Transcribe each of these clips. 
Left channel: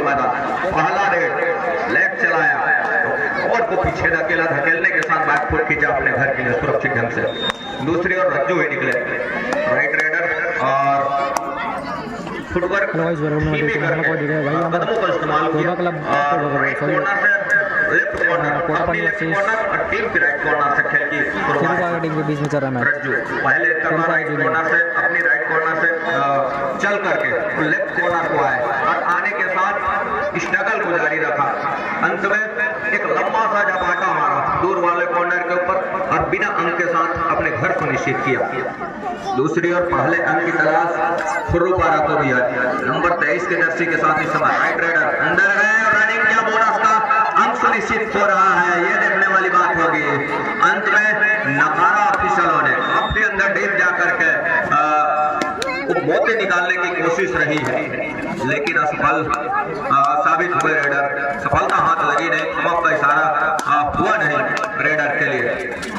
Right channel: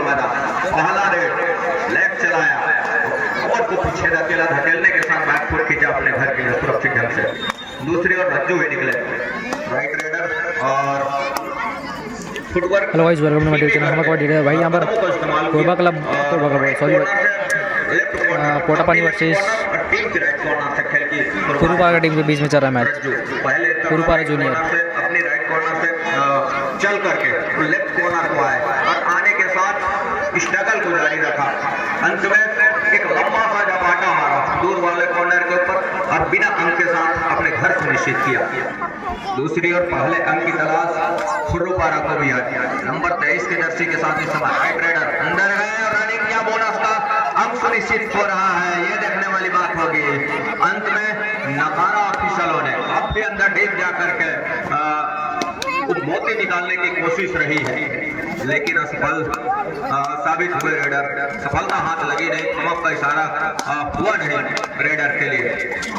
हाउसफुल मैदान। पहला red leg चलाया और को पीछे धकेलने के साथ बैक फुट खींचा अपने घर के लिए सुरक्षित ढंग से। दूसरी ओर रज्जू ही निकले राइट रेडर और footwork. Hello guys, welcome to my channel. हम कोई भाई यहां पर Korba club sorry Kotapani versus Kurupara team के बीच में चल रहा है मैच। पहले कुरुपारा जूनियर अपनी राइट कॉर्नर से चल करके लेफ्ट कॉर्नर को आए और आने के साथ स्ट्रगल को जारी रखा। अंत में एक लंबा सा झपाटा मारा दूर वाले कॉर्नर के ऊपर और बिना अंक के साथ अपने घर को निश्चित किया। दूसरी ओर पहले अंक की तलाश कुरुपारा को भी है। नंबर 23 के जर्सी के साथ इस समय राइट रेडर अंदर गए, रनिंग किया, बोनस का अंक सुनिश्चित हो रहा है, ये देखने वाली बात होगी। अंत में नकारा ऑफिसरों ने काफी अंदर डीप जाकर के मोती निकालने की कोशिश रही है, लेकिन असफल साबित हुए रेडर। सफलता हाथ लगी नहीं, थमक का इशारा हुआ नहीं रेडर के लिए।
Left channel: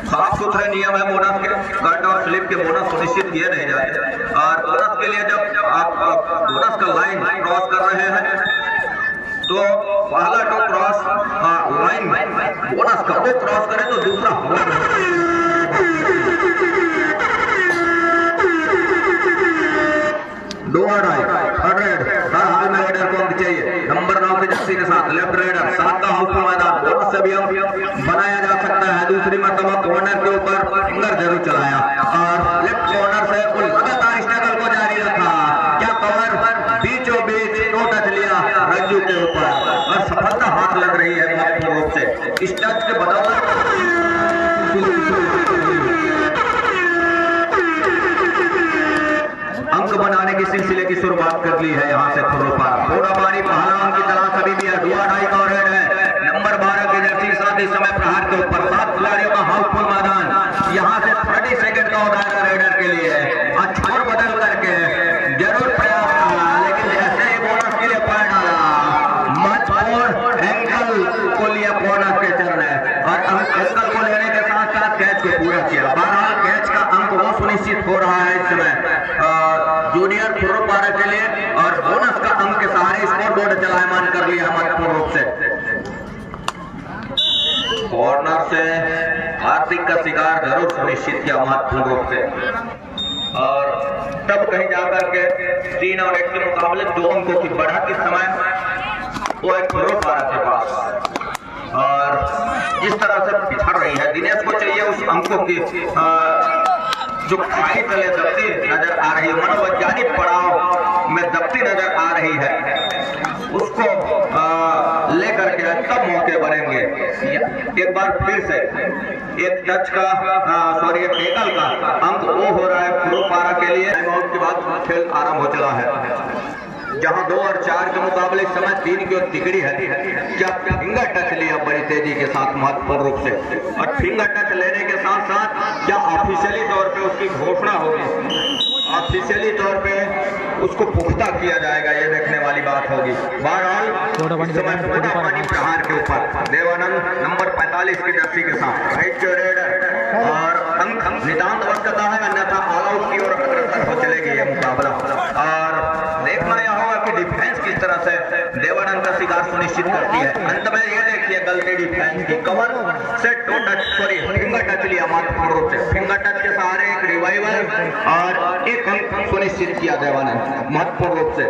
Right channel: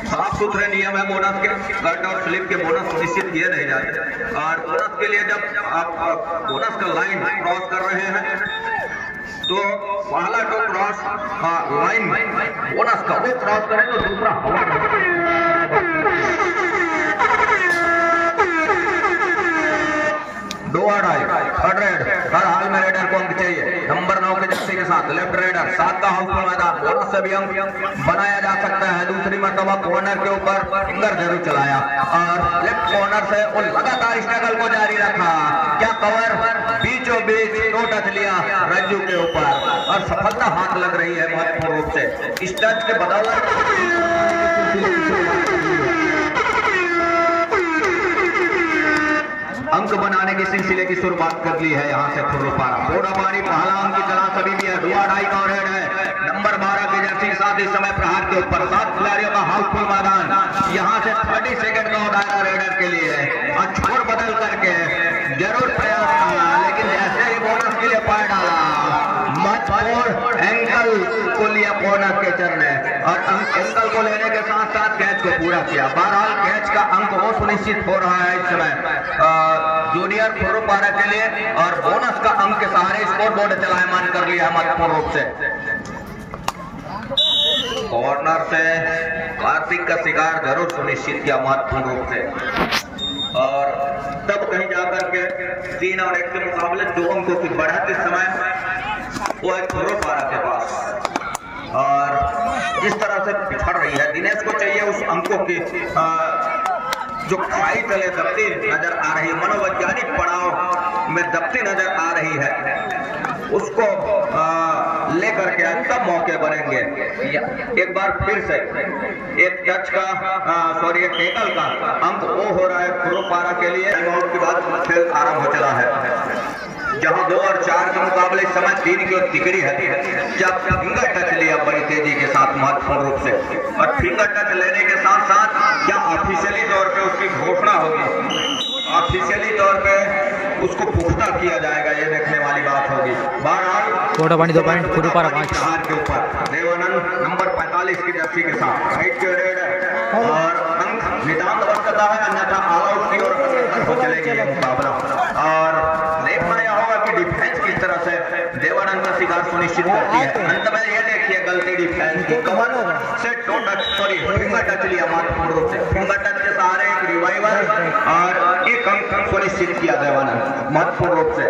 साफ सुथरे नियम है बोनस के, कट और स्लिप के बोनस सुनिश्चित किए नहीं जाते। और बोनस के लिए जब आप बोनस का लाइन क्रॉस कर रहे हैं तो पहला तो क्रॉस लाइन बोनस का वो क्रॉस करें तो दूसरा दो थर्ड रेड हर हाल में रेडर को अंक चाहिए। नंबर 9 के जर्सी के साथ लेफ्ट रेडर 7 का हाउसफुल मैदान, बोनस से भी अंक बनाया जा सकता है। दूसरी मरतबा कॉर्नर के ऊपर फिंगर जरूर चलाया और लेफ्ट कॉर्नर से वो लगातार स्ट्रगल को जारी रखा। क्या कवर बीचों बीच दो टच लिया रज्जू के ऊपर और सफलता हाथ लग रही है महत्वपूर्ण रूप से। इस टच के बदौलत अंक बनाने की सिलसिले की शुरुआत कर ली है यहाँ से कुरुपारा। कोटापानी पहला अंक की तलाश अभी भी है, 2.5 का रेड है। नंबर 12 के जर्सी के साथ इस समय प्रहार के ऊपर 7 खिलाड़ियों का हाउसफुल मैदान। यहाँ से 30 सेकंड का दायरा रेडर के लिए और छोर बदल करके जरूर प्रयास करना, लेकिन जैसे ही बोनस के लिए पैर डाला मत और एंकल को लिया कॉर्नर के चरण और एंकल को लेने के साथ साथ कैच को पूरा किया। बहरहाल कैच का अंक वो सुनिश्चित हो रहा है इस समय जूनियर कुरुपारा के लिए और बोनस का अंक के सहारे स्कोर बोर्ड चलायमान कर लिया महत्वपूर्ण रूप से। कॉर्नर से कार्तिक का शिकार जरूर सुनिश्चित किया महत्वपूर्ण रूप से और तब कहीं जाकर के 3 और 1 के मुकाबले 2 अंकों की बढ़त इस समय वो एक कुरुपारा के पास और इस तरह से पिछड़ रही है। दिनेश को चाहिए उस अंकों की जो खाई तले दबती नजर आ रही है, मनोवैज्ञानिक पड़ाव में दबती नजर आ रही है, उसको लेकर के तब मौके बनेंगे। एक बार फिर से एक टच का एक टेकल का अंक वो हो रहा है कुरुपारा के लिए। टाइमआउट के बाद खेल आरंभ हो चला है, जहां 2 और 4 के मुकाबले इस समय 3 की ओर तिकड़ी है। क्या फिंगर टच लिया बड़ी तेजी के साथ महत्वपूर्ण रूप से और फिंगर टच लेने के साथ साथ क्या ऑफिशियली तौर पे उसकी घोषणा होगी, ऑफिशियली तौर पे उसको पुख्ता किया जाएगा, ये देखने वाली बात होगी। बहरहाल प्रहार के ऊपर देवानंद नंबर 45 की जर्सी के साथ राइट के रेडर और अंक नितांत बनता है, अन्यथा ऑल आउट की ओर अग्रसर हो चलेगी ये मुकाबला। और देखना यह होगा कि डिफेंस किस तरह से देवानंद का शिकार सुनिश्चित करती है। अंत में ये देखिए गलती डिफेंस की, कवर से फिंगर टच लिया महत्वपूर्ण रूप से, फिंगर टच के सहारे एक रिवाइवल और एक अंक सुनिश्चित किया देवानंद महत्वपूर्ण रूप से।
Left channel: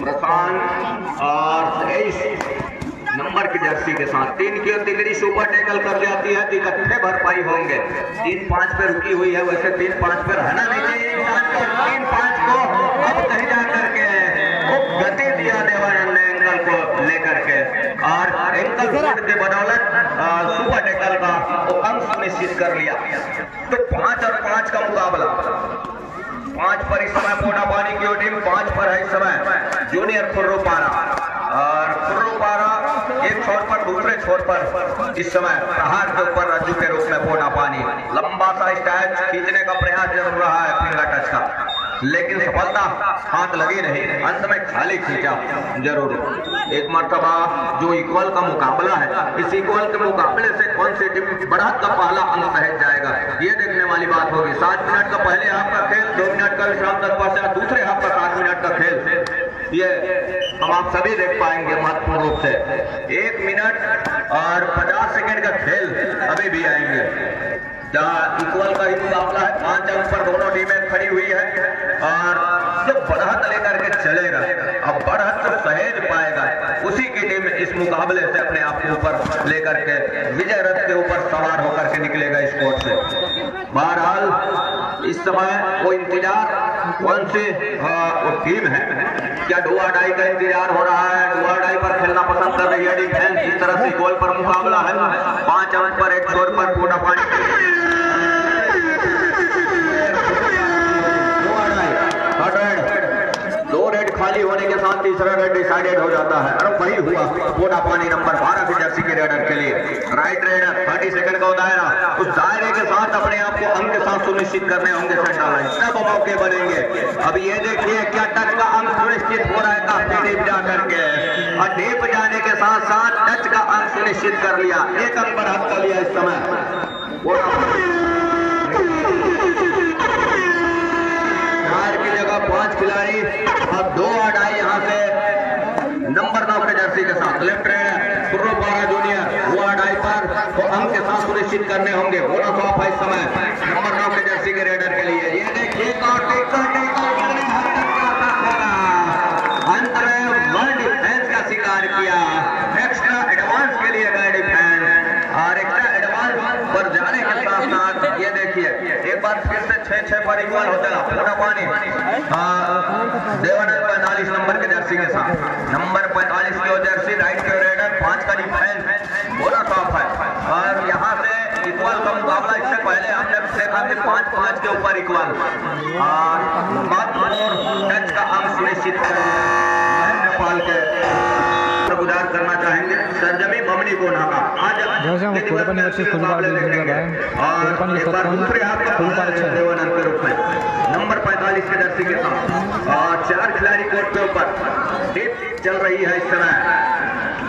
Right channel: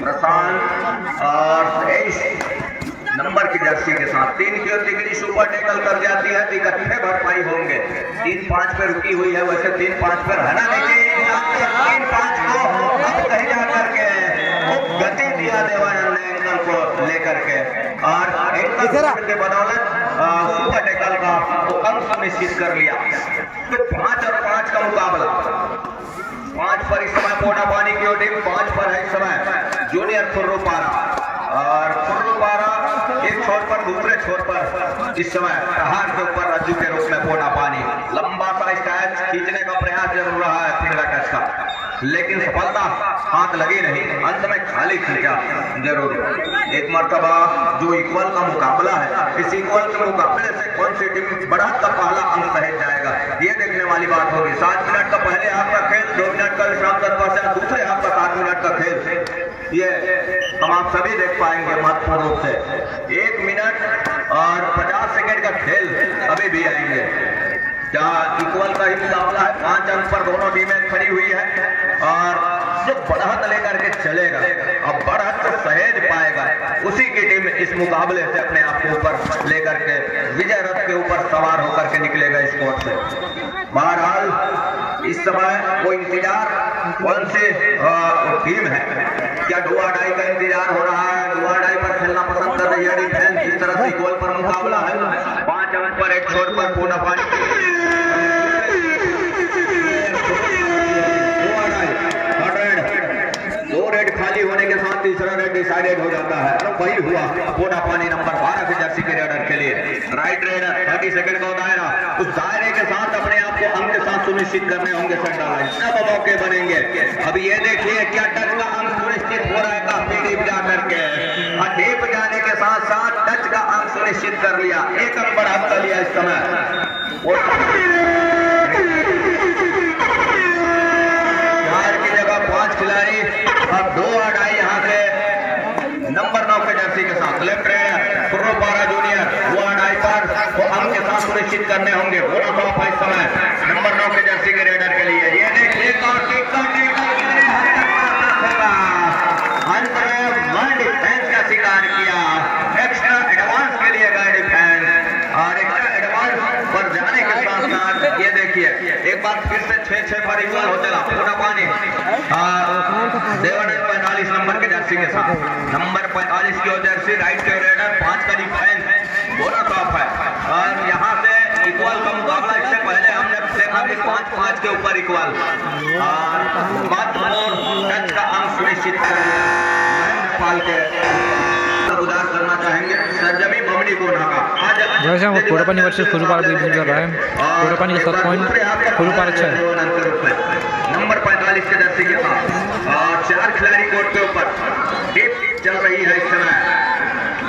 प्रशांत और 23 नंबर की जर्सी के साथ 3 की ओर तिकड़ी सुपर टेकल कर जाती है, इकट्ठे भरपाई होंगे। 3-5 पे रुकी हुई है, वैसे 3-5 पे रहना नहीं चाहिए। 3-5 को अब कहीं जा करके वो गति दिया देवानंद ने एंकल को लेकर के और एंकल फोल्ड के बदौलत सुपर टेकल का वो अंक सुनिश्चित कर लिया। तो 5 और 5 का मुकाबला, 5 पर इस समय कोटापानी की टीम, 5 पर है इस समय जूनियर कुरुपारा और कुरुपारा एक छोर पर दूसरे छोर पर इस समय प्रहार के ऊपर रज्जू के रूप में कोटापानी लंबा सा स्टैच खींचने का प्रयास जरूर रहा है फिंगर टच का, लेकिन सफलता हाथ लगी नहीं। अंत में खाली खींचा जरूर। एक मर्तबा जो इक्वल का मुकाबला है, इस इक्वल के मुकाबले से कौन सी टीम बढ़त का पहला अंक सहेज जाएगा, ये देखने वाली बात होगी। 7 मिनट का पहले हाफ का खेल, 2 मिनट का विश्राम तत्पश्चात दूसरे हाफ का 7 मिनट का खेल ये हम आप सभी देख पाएंगे महत्वपूर्ण रूप से। 1 मिनट और 50 सेकंड का खेल अभी भी आएंगे, जहाँ इक्वल का ही मुकाबला है। 5 अंक पर दोनों टीमें खड़ी हुई है और जो बढ़त लेकर के चलेगा, अब बढ़त सहेज पाएगा, उसी की टीम इस मुकाबले से अपने आप के ऊपर लेकर के विजय रथ के ऊपर सवार होकर के निकलेगा इस कोर्ट से। बहरहाल इस समय वो इंतजार कौन सी टीम है, क्या डू और डाई का इंतजार हो रहा है? डू और डाई पर खेलना पसंद कर रही है डिफेंस। इस तरह से गोल पर मुकाबला है, 5 अंक पर एक छोर पर पूना पानी। 2 रेड खाली होने के साथ तीसरा रेड डिसाइडेड हो जाता है और वही हुआ पूना पानी नंबर 12 की जर्सी के रेडर के लिए। राइट रेडर 30 सेकंड का दायरा, उस दायरे के साथ अपने आप को अंक के साथ सुनिश्चित करने होंगे सेंटर लाइन, सब मौके बनेंगे। अब ये देखिए क्या टच का अंक सुनिश्चित हो रहा है, काफी डीप जा करके और डीप जाने के साथ साथ टच का अंक सुनिश्चित कर लिया। 1 अंक बढ़ा कर लिया इस समय। 4 की जगह 5 खिलाड़ी और 2 और डाई यहाँ से नंबर 9 के जर्सी के साथ लेफ्ट रेडर पूर्व पारा जूनियर 2 और डाई पर तो अंक के साथ सुनिश्चित करने होंगे। पूरा टॉप है इस समय नंबर 9 के जर्सी के रेडर के लिए। ये देखिए अंत में वन डिफेंस का शिकार किया, एक्स्ट्रा एडवांस के लिए गए डिफेंस और एक्स्ट्रा एडवांस पर जाने के साथ साथ ये देखिए एक बार फिर से 6-6 पर इक्वल हो चला पूरा पानी। देवनर 45 नंबर के जर्सी के साथ, नंबर 45 की जर्सी राइट के रेडर 5 का डिफेंस बोरा टॉप है और यहाँ से इक्वल का मुकाबला। इससे पहले हमने देखा कि 5-5 के ऊपर इक्वल और टच का अंक सुनिश्चित कर नेपाल के गुजार करना चाहेंगे सरजमी बमनी को वैसे हम कोडापानी वर्सेस खुरुपारा भी कर रहा है। कोडापानी का 7 पॉइंट, खुरुपारा 6 नंबर 45 के जर्सी के साथ और 4 खिलाड़ी कोर्ट के ऊपर। डीप चल रही है इस समय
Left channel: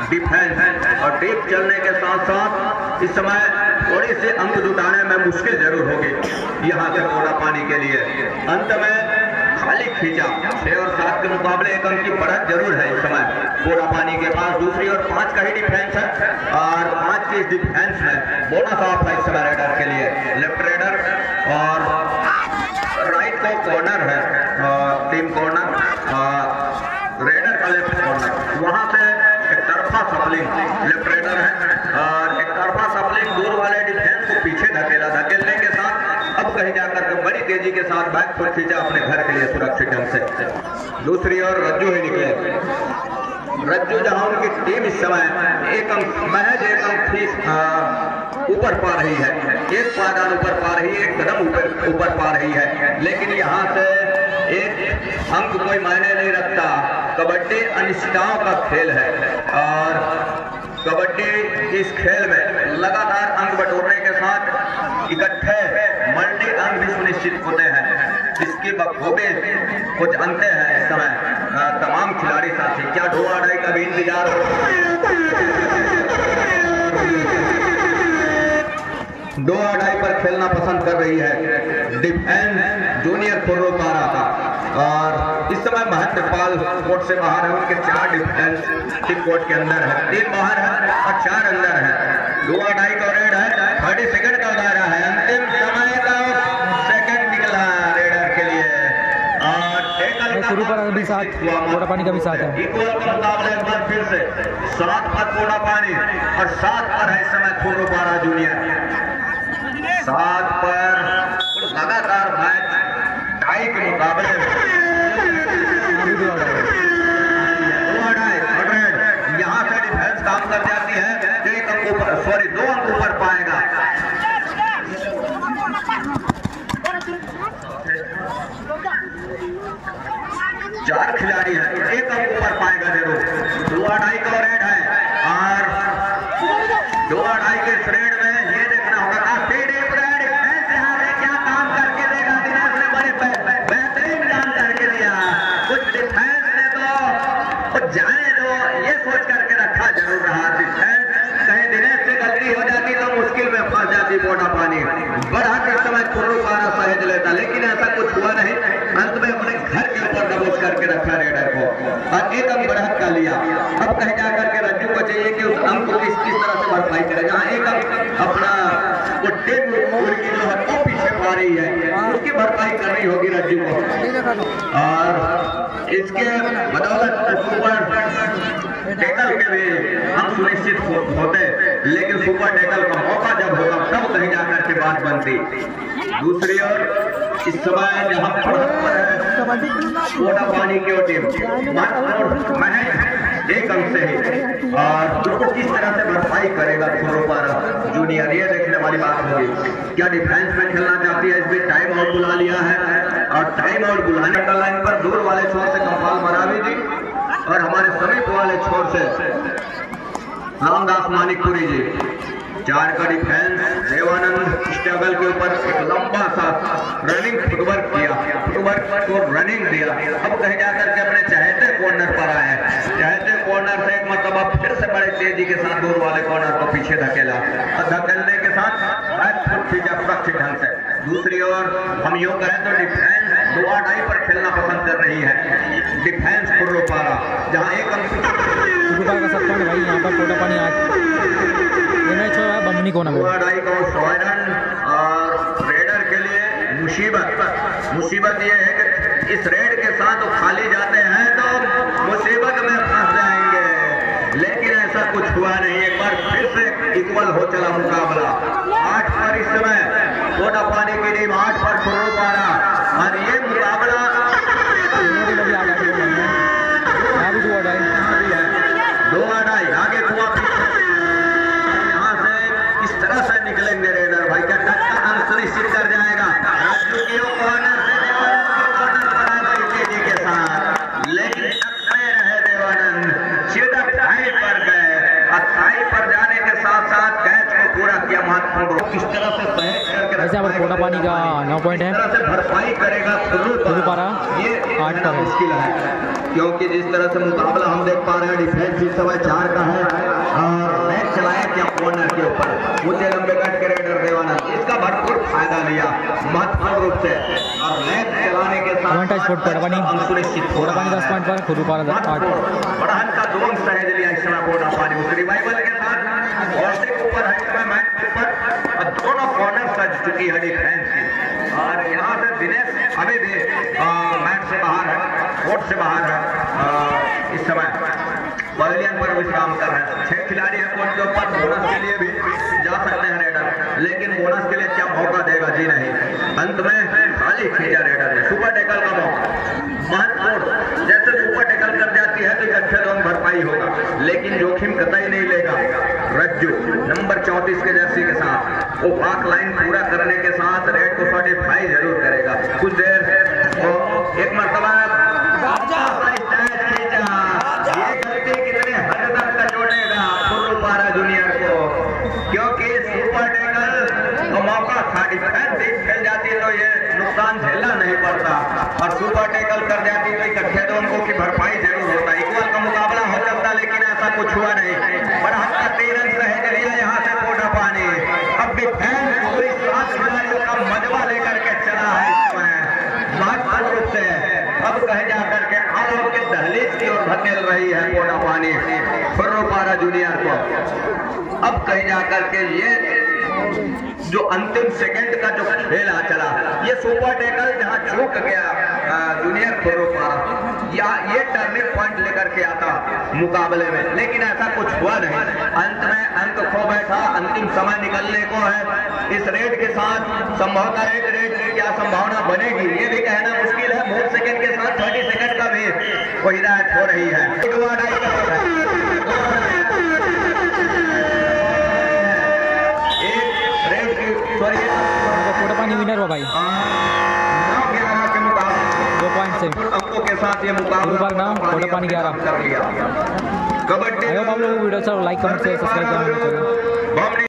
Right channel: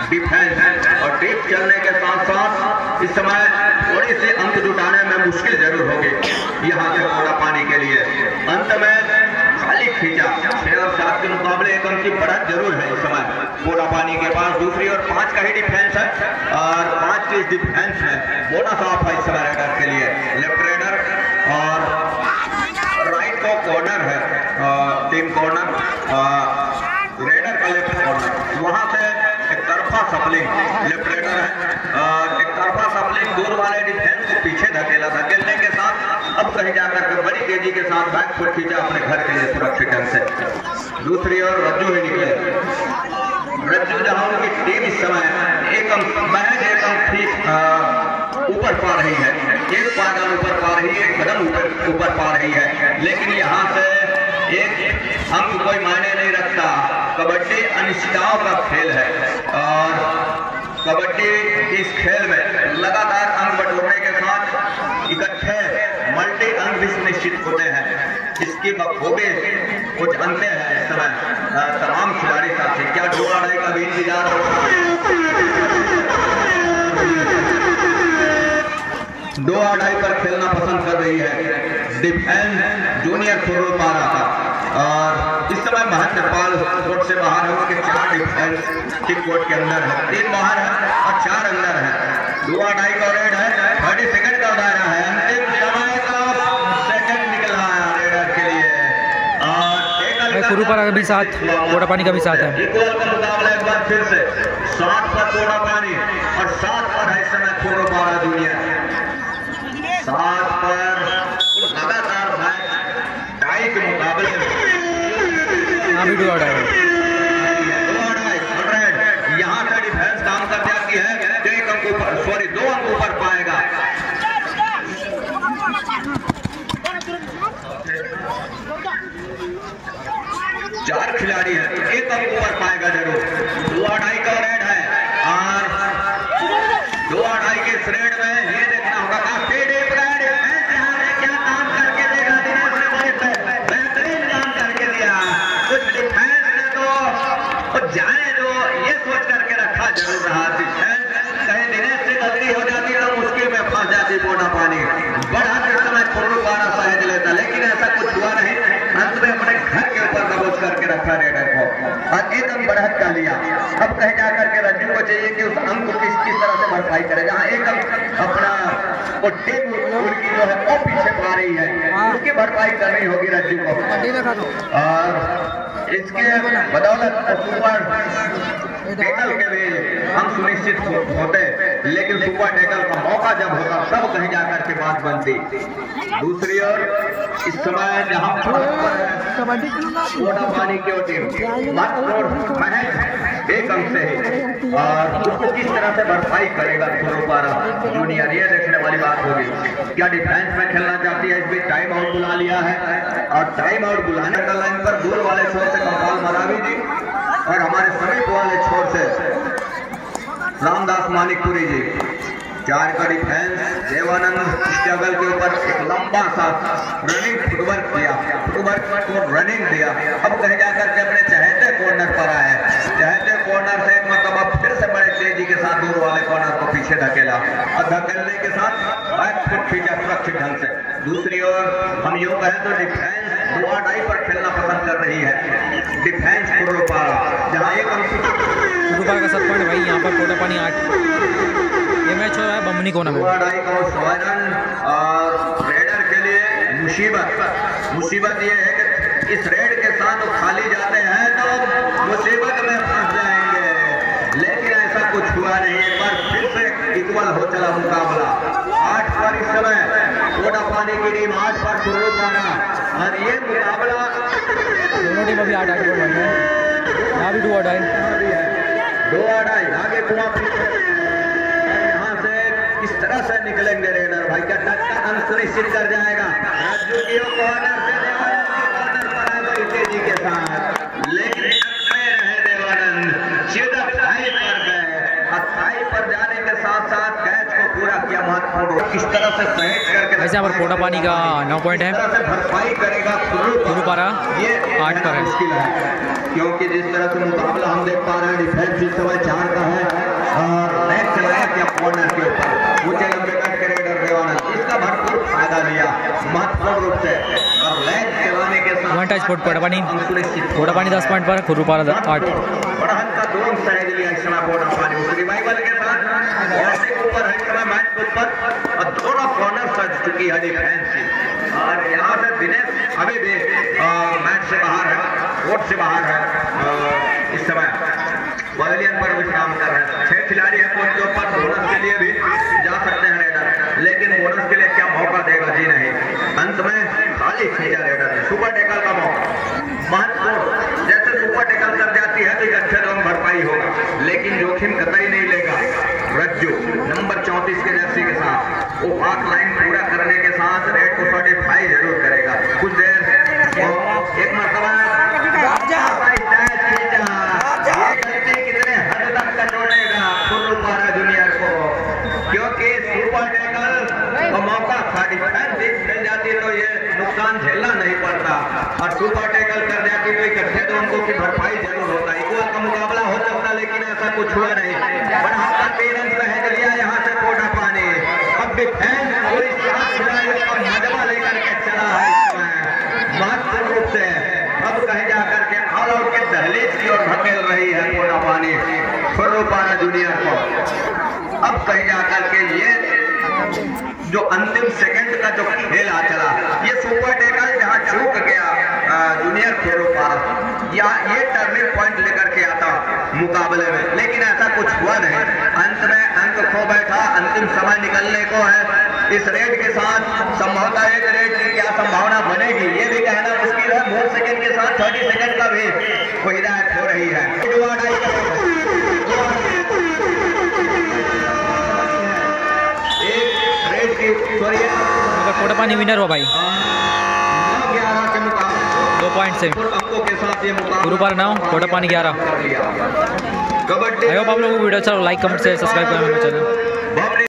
डिफेंस और डीप चलने के साथ साथ इस समय थोड़ी सी अंक जुटाने में मुश्किल जरूर होगी यहाँ से कोडापानी के लिए। अंत में खाली खींचा 6 और 7 के मुकाबले 1 अंक की बढ़त जरूर है इस समय कोडापानी के पास। दूसरी और 5 का ही डिफेंस है और 5 की डिफेंस में बोनस ऑफ है इस समय रेडर के लिए। लेफ्ट रेडर और राइट को कॉर्नर है, टीम कॉर्नर, रेडर का लेफ्ट कॉर्नर, वहां से एक तरफा सपलिंग लेफ्ट रेडर है और एक तरफा सपलिंग दूर वाले डिफेंस को पीछे धकेला, धकेलने के साथ अब कहीं जाकर के बड़ी तेजी के साथ बैक फुट खींचा अपने घर के लिए सुरक्षित ढंग से। दूसरी ओर रज्जू ही निकले, रज्जू जहां उनकी टीम इस समय एक अंक महज 1 अंक ही ऊपर पा रही है, 1 पादान ऊपर पा रही है, 1 कदम ऊपर पा रही है, लेकिन यहाँ से 1 अंक कोई मायने नहीं रखता। कबड्डी अनिश्चितताओं का खेल है और कबड्डी इस खेल में लगातार अंक बटोरने के साथ इकट्ठे मल्टी अंक भी सुनिश्चित होते हैं। इसकी बखूबी कुछ अंते हैं इस समय तमाम खिलाड़ी साथी। क्या डोआ डाई का भी इंतजार हो? डोआ डाई पर खेलना पसंद कर रही है डिफेंस जूनियर खुरुपारा का और इस समय महत्वपाल कोर्ट से बाहर है, उनके 4 डिफेंस ठीक कोर्ट के अंदर है, 3 बाहर है और 4 अंदर है। डोआ डाई का रेड है, 30 सेकंड का दायरा है, अंतिम समय का सेकंड निकला रेडर के लिए और खुरुपारा का भी साथ, कोडापानी का भी साथ है। इक्वल का मुकाबला एक बार फिर से 7 पर कोडापानी और 7 पर है इस समय खुरुपारा जूनियर। 7 पर लगातार मैच टाई के मुकाबले यहाँ से डिफेंस काम कर जाती है, 1 अंक ऊपर, सॉरी 2 अंक ऊपर पाएगा। चार खिलाड़ी है, 1 अंक ऊपर पाएगा जरूर। 2-2.5 का रेड है और 2-2.5 के रेड में ये देखना होगा काफी डीप रेड यहाँ पे क्या काम करके देगा। दिनेश ने बड़े बेहतरीन काम करके दिया, कुछ डिफेंस ने तो जाने दो ये सोच करके रखा जरूर रहा। डिफेंस कहीं दिनेश से गलती हो जाती तो मुश्किल में फंस जाती कोडापानी। बड़ा के समय खुरुपारा सहेज लेता, लेकिन ऐसा कुछ हुआ नहीं। अंत में अपने घर के ऊपर दबोच करके रखा रेडर को। वो टीम उनकी जो है वो पीछे पा रही है, उसकी भरपाई करनी होगी रज्जू को। और इसके बदौलत टैकल के लिए हम सुनिश्चित होते, लेकिन सुपर टैकल का मौका जब होगा तब कहीं जाकर के बात बनती। दूसरी ओर इस समय जहां कोटा पानी की टीम एक अंक से ही और उसको किस तरह से भरपाई करेगा खुरुपारा जूनियर, ये देखने वाली बात होगी। क्या डिफेंस में खेलना चाहती है, इस बीच टाइम आउट बुला लिया है और टाइम आउट बुलाने का लाइन पर दूर वाले छोर से कमपाल मरावी जी और हमारे समीप वाले छोर से रामदास मानिकपुरी जी। 4 का डिफेंस, देवानंद स्टेबल के ऊपर एक लंबा सा रनिंग फुटवर्क किया, फुटवर्क को रनिंग दिया। अब कहीं जाकर के अपने चहेते कॉर्नर पर आए, चहेते कॉर्नर से एक मतलब अब फिर से बड़े तेजी के साथ दूर वाले कॉर्नर को पीछे धकेला और धकेलने के साथ बैक फुट खींचा सुरक्षित ढंग से। दूसरी ओर हम यूं कहें तो डिफेंस 2-2 पर खेलना पसंद कर रही है, डिफेंस खुरुपारा जहाँ एक खुरुपारा का 7 पॉइंट भाई, यहाँ पर कोटा पानी 8। ये मैच हो रहा है बमनी कोना में। और रेडर के लिए मुसीबत ये है कि इस रेड के साथ वो खाली जाते हैं तो मुसीबत में फंस जाएंगे, लेकिन ऐसा कुछ हुआ नहीं। एक बार फिर से इक्वल हो चला मुकाबला। 8 पर इस समय कोटा पानी की टीम, 8 पर खुरुपारा और ये मुकाबला अभी 8 गोल लग गए, यहाँ भी 2-2 आगे कुआ इस तरह से निकलेंगे रेडर भाई, क्या टक्का अंक सुनिश्चित कर जाएगा। राजू की कॉर्नर से देवानंद पर आए तेजी के साथ, लेकिन रहे देवानंद सीधा थाई पर गए और थाई पर जाने के साथ साथ कैच को पूरा किया महत्वपूर्ण। किस तरह से सहेज करके वैसे यहाँ पर कोटा पानी का 9 पॉइंट है, भरपाई करेगा खुरुपारा 8 पर है। मुश्किल है क्योंकि जिस तरह से मुकाबला हम देख पा रहे हैं, डिफेंस इस समय 4 का है और नेट चलाया क्या कॉर्नर के ऊपर ऊंचे लंबे कट के रेडर देवानंद, इसका भरपूर फायदा लिया महत्वपूर्ण रूप से और नेट चलाने के साथ पॉइंट स्पोर्ट कोटा पानी 10 पॉइंट पर, खुरुपारा 8। बढ़हन का दोनों सहेज लिया इस समय कोटा पानी उस रिवाइवल के साथ और ऊपर है समय मैच के ऊपर और दोनों कॉर्नर सज चुकी है डिफेंस की। और यहाँ से दिनेश अभी भी मैच से बाहर है, कोर्ट से बाहर है, इस समय पवेलियन पर विश्राम कर रहे हैं। 6 खिलाड़ी हैं कोर्ट के ऊपर, बोनस के लिए भी जा सकते हैं रेडर, लेकिन बोनस के लिए क्या मौका देगा जी नहीं। अंत में खाली खींचा रेडर ने, सुपर टैकल का मौका महत्वपूर्ण, जैसे सुपर टैकल कर जाती है तो अच्छे रन भरपाई होगा, लेकिन जोखिम कतई नहीं लेगा। रज्जू नंबर 34 के जर्सी के साथ वो पाक लाइन पूरा करने के साथ रेड को 45 जरूर करेगा। कुछ देर और एक मरतबा कितने हद तक का जोड़ेगा खुरुपारा जूनियर को, क्योंकि सुपर टैकल का मौका था, डिफेंस खेल जाती है तो ये नुकसान झेलना नहीं पड़ता और सुपर टैकल कर जाती है तो इकट्ठे तो उनको की भरपाई जरूर होता। इक्वल का मुकाबला हो सकता, लेकिन ऐसा कुछ हुआ नहीं। बड़ा 3 रन सहेज लिया यहाँ से कोटा पानी। अब डिफेंस पूरी 7 खिलाड़ियों का मजबा लेकर के चला है इसमें महत्वपूर्ण रूप से। अब कहे जाकर के आरोप की दहलीज की ओर धकेल रही है कोटा पानी खुरुपारा जूनियर को। अब कहे जाकर के ये जो अंतिम सेकंड का जो खेल आ चला, ये सुपर टैकल जहां चूक गया जूनियर खुरुपारा, या ये टर्निंग पॉइंट लेकर के आता मुकाबले में, लेकिन ऐसा कुछ हुआ नहीं। अंत में अंक खो बैठा, अंतिम समय निकलने को है। इस रेड के साथ संभवतः एक रेड की क्या संभावना बनेगी ये भी कहना मुश्किल है। मोर सेकंड के साथ 30 सेकंड का भी कोई हिदायत हो रही है। एक रेड की कोटा पानी विनर हो भाई 9-11 के मुकाबले 2 पॉइंट से अंकों के साथ ये मुकाबला खुरुपारा 9 कोटा पानी 11। कबड्डी आई होप आप लोगों को वीडियो अच्छा लाइक कमेंट से सब्सक्राइब करना चैनल।